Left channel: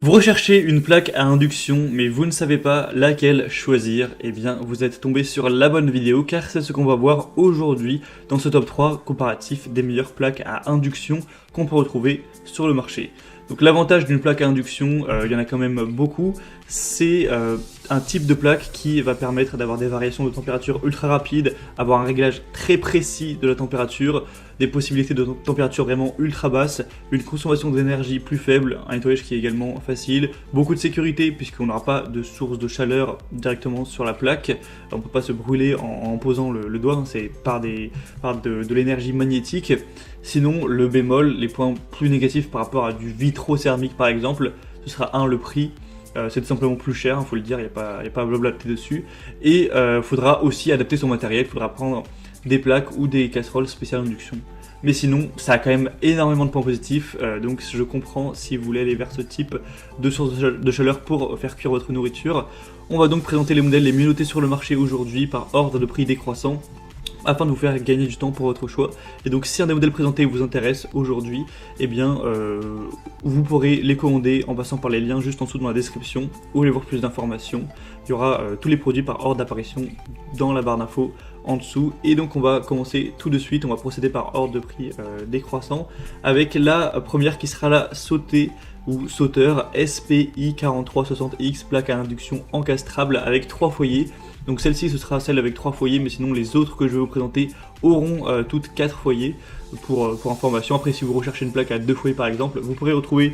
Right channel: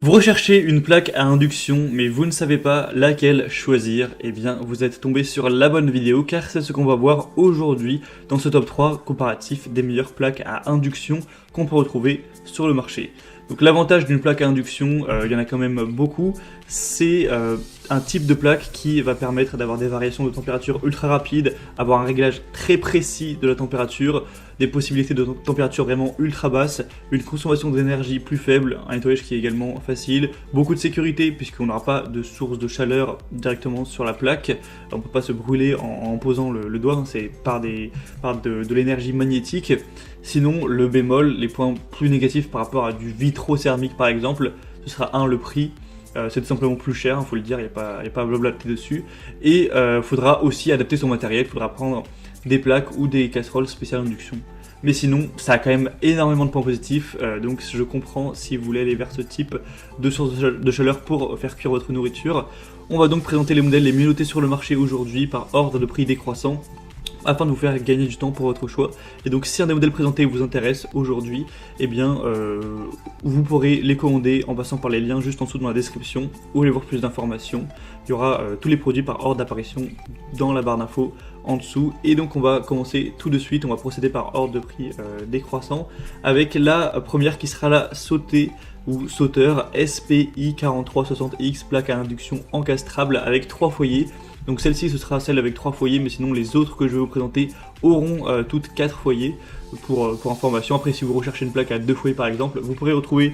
Vous recherchez une plaque à induction, mais vous ne savez pas laquelle choisir, eh bien vous êtes tombé sur la bonne vidéo car c'est ce qu'on va voir aujourd'hui dans ce top 3 comparatif des meilleures plaques à induction qu'on peut retrouver sur le marché. Donc l'avantage d'une plaque à induction, il y en a quand même beaucoup, c'est un type de plaque qui va permettre d'avoir des variations de température ultra rapides, avoir un réglage très précis de la température, des possibilités de température vraiment ultra basse, une consommation d'énergie plus faible, un nettoyage qui est également facile, beaucoup de sécurité puisqu'on n'aura pas de source de chaleur directement sur la plaque, on ne peut pas se brûler en posant le doigt, c'est par de l'énergie magnétique. Sinon le bémol, les points plus négatifs par rapport à du vitrocéramique par exemple, ce sera le prix. C'est tout simplement plus cher, il faut le dire, il n'y a pas à blablater dessus. Et faudra aussi adapter son matériel, il faudra prendre des plaques ou des casseroles spéciales induction. Mais sinon, ça a quand même énormément de points positifs, donc je comprends si vous voulez aller vers ce type de source de chaleur pour faire cuire votre nourriture. On va donc présenter les modèles les mieux notés sur le marché aujourd'hui par ordre de prix décroissant, afin de vous faire gagner du temps pour votre choix. Et donc si un des modèles présentés vous intéresse aujourd'hui, eh bien vous pourrez les commander en passant par les liens juste en dessous dans la description ou aller voir plus d'informations. Il y aura tous les produits par ordre d'apparition dans la barre d'infos en dessous. Et donc on va commencer tout de suite, on va procéder par ordre de prix décroissant avec la première qui sera la sautée ou sauteur SPI 4360X, plaque à induction encastrable avec 3 foyers. Donc celle-ci ce sera celle avec 3 foyers, mais sinon les autres que je vais vous présenter auront toutes 4 foyers. Pour information, après si vous recherchez une plaque à 2 foyers par exemple, vous pourrez retrouver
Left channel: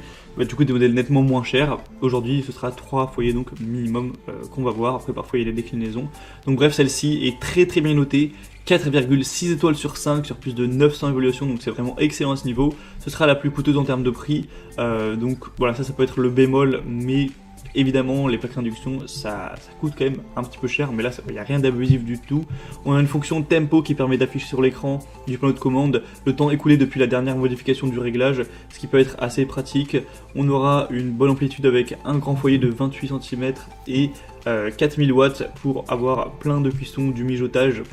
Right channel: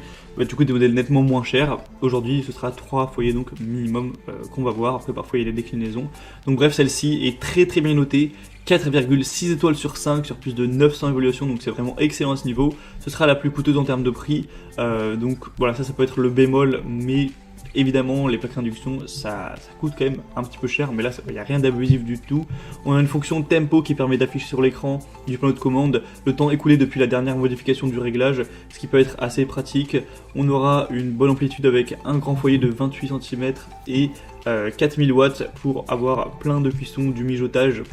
du coup des modèles nettement moins chers. Aujourd'hui ce sera 3 foyers donc minimum qu'on va voir, après parfois il y a des déclinaisons. Donc bref, celle-ci est très bien notée, 4,6 étoiles sur 5 sur plus de 900 évaluations, donc c'est vraiment excellent à ce niveau. Ce sera la plus coûteuse en termes de prix. Voilà, ça peut être le bémol, mais évidemment les plaques d'induction ça coûte quand même un petit peu cher, mais là il n'y a rien d'abusif du tout. On a une fonction tempo qui permet d'afficher sur l'écran du panneau de commande le temps écoulé depuis la dernière modification du réglage, ce qui peut être assez pratique. On aura une bonne amplitude avec un grand foyer de 28 cm et 4000 watts pour avoir plein de cuisson, du mijotage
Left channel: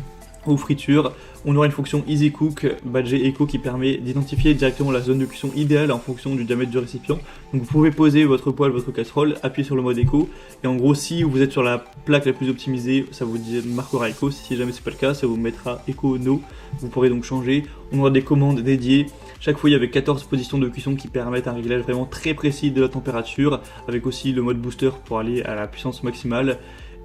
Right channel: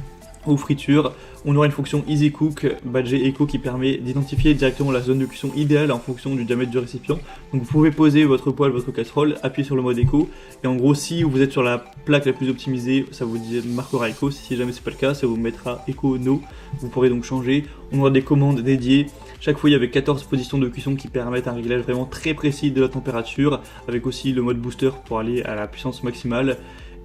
ou friture. On aura une fonction Easy Cook badgée Eco qui permet d'identifier directement la zone de cuisson idéale en fonction du diamètre du récipient. Donc vous pouvez poser votre poêle, votre casserole, appuyer sur le mode Eco, et en gros si vous êtes sur la plaque la plus optimisée, ça vous marquera Eco. Si jamais c'est pas le cas, ça vous mettra Eco No. Vous pourrez donc changer. On aura des commandes dédiées, chaque foyer avec 14 positions de cuisson qui permettent un réglage vraiment très précis de la température, avec aussi le mode booster pour aller à la puissance maximale.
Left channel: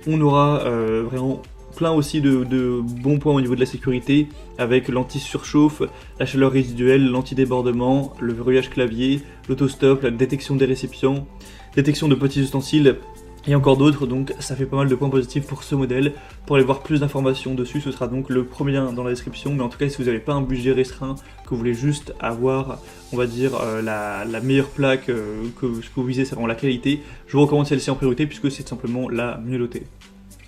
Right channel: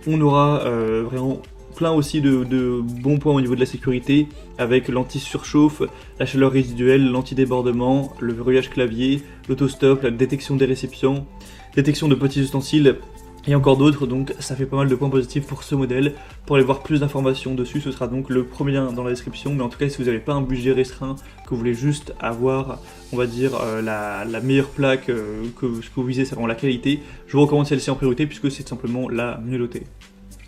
On aura vraiment plein aussi de bons points au niveau de la sécurité, avec l'anti-surchauffe, la chaleur résiduelle, l'anti-débordement, le verrouillage clavier, l'autostop, la détection des récipients, détection de petits ustensiles et encore d'autres. Donc ça fait pas mal de points positifs pour ce modèle. Pour aller voir plus d'informations dessus, ce sera donc le premier lien dans la description. Mais en tout cas, si vous n'avez pas un budget restreint, que vous voulez juste avoir, on va dire, la meilleure plaque que vous visez, c'est vraiment la qualité, je vous recommande celle-ci en priorité puisque c'est simplement la mieux notée.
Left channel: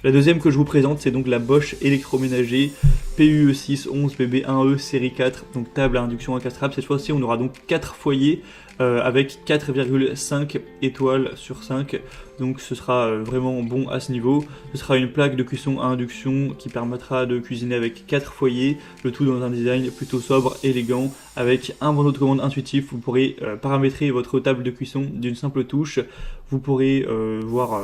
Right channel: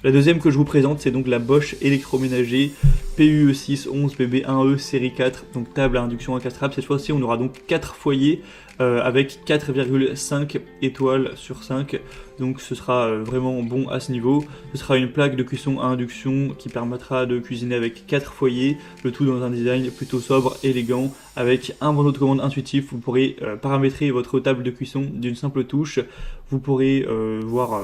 La deuxième que je vous présente, c'est donc la Bosch électroménager PUE611 BB1E série 4, donc table à induction encastrable. Cette fois-ci, on aura donc 4 foyers avec 4,5 étoiles sur 5. Donc ce sera vraiment bon à ce niveau. Ce sera une plaque de cuisson à induction qui permettra de cuisiner avec 4 foyers, le tout dans un design plutôt sobre, élégant, avec un bandeau de commande intuitif. Vous pourrez paramétrer votre table de cuisson d'une simple touche. Vous pourrez voir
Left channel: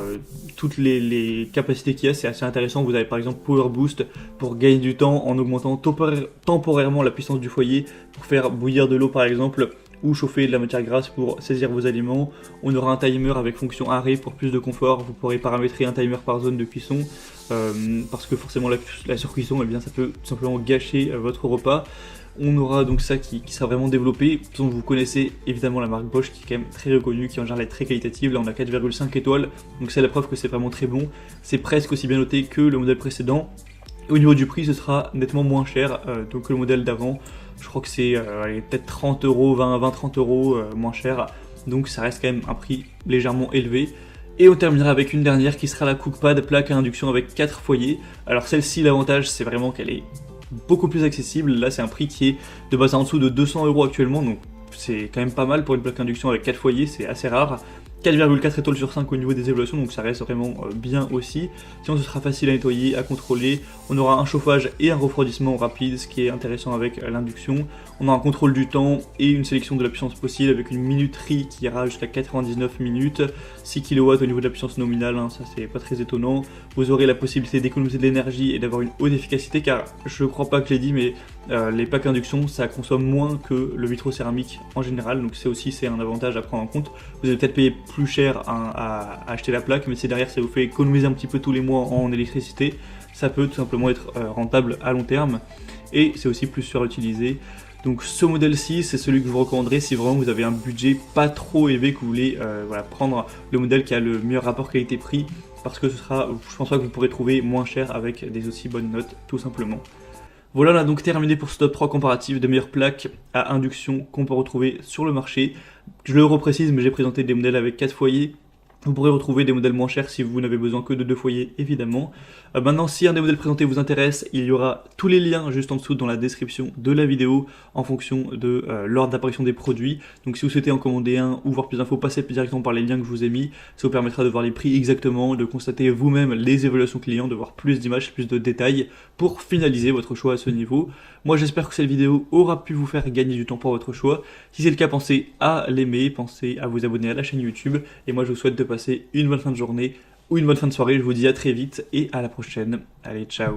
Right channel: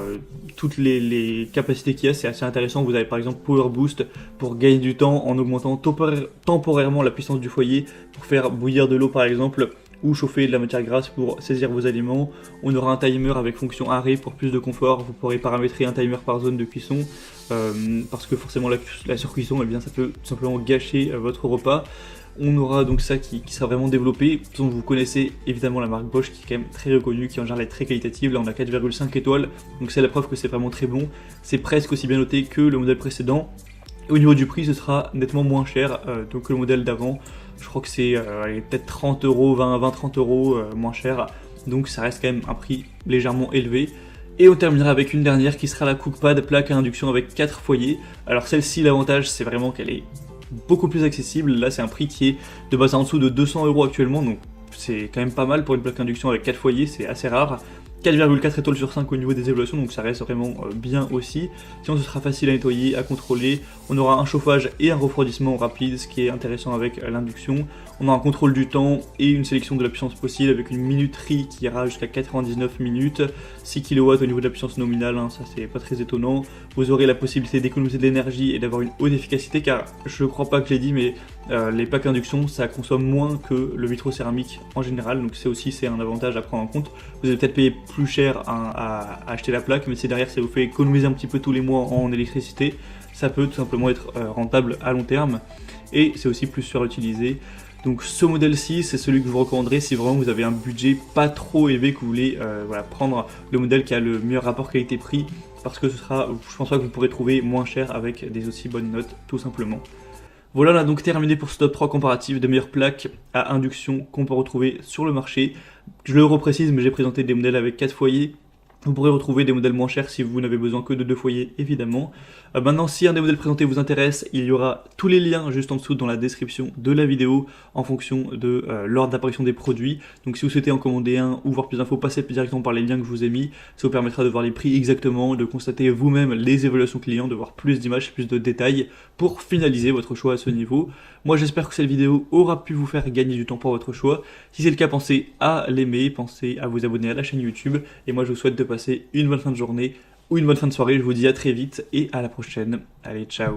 toutes les capacités qu'il y a, c'est assez intéressant. Vous avez par exemple Power Boost pour gagner du temps en augmentant temporairement la puissance du foyer, pour faire bouillir de l'eau par exemple, ou chauffer de la matière grasse pour saisir vos aliments. On aura un timer avec fonction arrêt pour plus de confort. Vous pourrez paramétrer un timer par zone de cuisson, parce que forcément la surcuisson, eh bien, ça peut simplement gâcher votre repas. On aura donc ça qui sera vraiment développé. Donc vous connaissez évidemment la marque Bosch qui est quand même très reconnue, qui en général est très qualitative. Là on a 4,5 étoiles, donc c'est la preuve que c'est vraiment très bon. C'est presque aussi bien noté que le modèle précédent. Et au niveau du prix, ce sera nettement moins cher donc que le modèle d'avant. Je crois que c'est peut-être 30 euros, 20-30 euros moins cher. Donc ça reste quand même un prix légèrement élevé. Et on terminera avec une dernière qui sera la Cookpad plaque à induction avec 4 foyers. Alors celle-ci, l'avantage c'est vraiment qu'elle est beaucoup plus accessible. Là c'est un prix qui est de base en dessous de 200 euros actuellement, donc c'est quand même pas mal pour une plaque d'induction avec 4 foyers, c'est assez rare. 4,4 étoiles sur 5 au niveau des évaluations, donc ça reste vraiment bien aussi. Sinon, ce sera facile à nettoyer, à contrôler. On aura un chauffage et un refroidissement rapide, ce qui est intéressant avec l'induction. On a un contrôle du temps et une sélection de la puissance aussi avec une minuterie qui ira jusqu'à 99 minutes, 6 kW au niveau de la puissance nominale, ça c'est pas très étonnant. Vous aurez la possibilité d'économiser de l'énergie et d'avoir une haute efficacité car je crois pas que j'ai dit mais les plaques induction ça consomme moins que le vitrocéramique en général, donc c'est un avantage à prendre en compte. Vous allez peut-être payer plus cher à acheter la plaque, mais c'est derrière ça vous fait économiser un petit peu tous les mois en électricité. Ça peut tout simplement être rentable à long terme et c'est aussi plus surutilisé. Donc ce modèle-ci, c'est celui que je vous recommanderais si vraiment vous avez un budget pas trop élevé, que vous voulez prendre le modèle qui a le meilleur rapport qualité-prix, parce que je pense pas que vous pourrez trouver moins cher avec des aussi bonnes notes, tout simplement. Voilà, là donc terminé pour ce top 3 comparatif des meilleures plaques à induction qu'on peut retrouver sur le marché. Je le reprécise, mais j'ai présenté des modèles avec 4 foyers. Vous pourrez retrouver des modèles moins chers si vous n'avez besoin que de 2 foyers, évidemment. Maintenant, si un des modèles présentés vous intéresse, il y aura tous les liens juste en dessous dans la description de la vidéo en fonction de l'ordre d'apparition des produits. Donc si vous souhaitez en commander un ou voir plus d'infos, passez directement par les liens que je vous ai mis. Ça vous permettra de voir les prix exactement, de constater vous-même les évaluations clients, de voir plus d'images, plus de détails pour finaliser votre choix à ce niveau. Moi j'espère que cette vidéo aura pu vous faire gagner du temps pour votre choix. Si c'est le cas, pensez à l'aimer, pensez à vous abonner à la chaîne YouTube. Et moi je vous souhaite de passer une bonne fin de journée ou une bonne fin de soirée. Je vous dis à très vite et à la prochaine. Allez, ciao.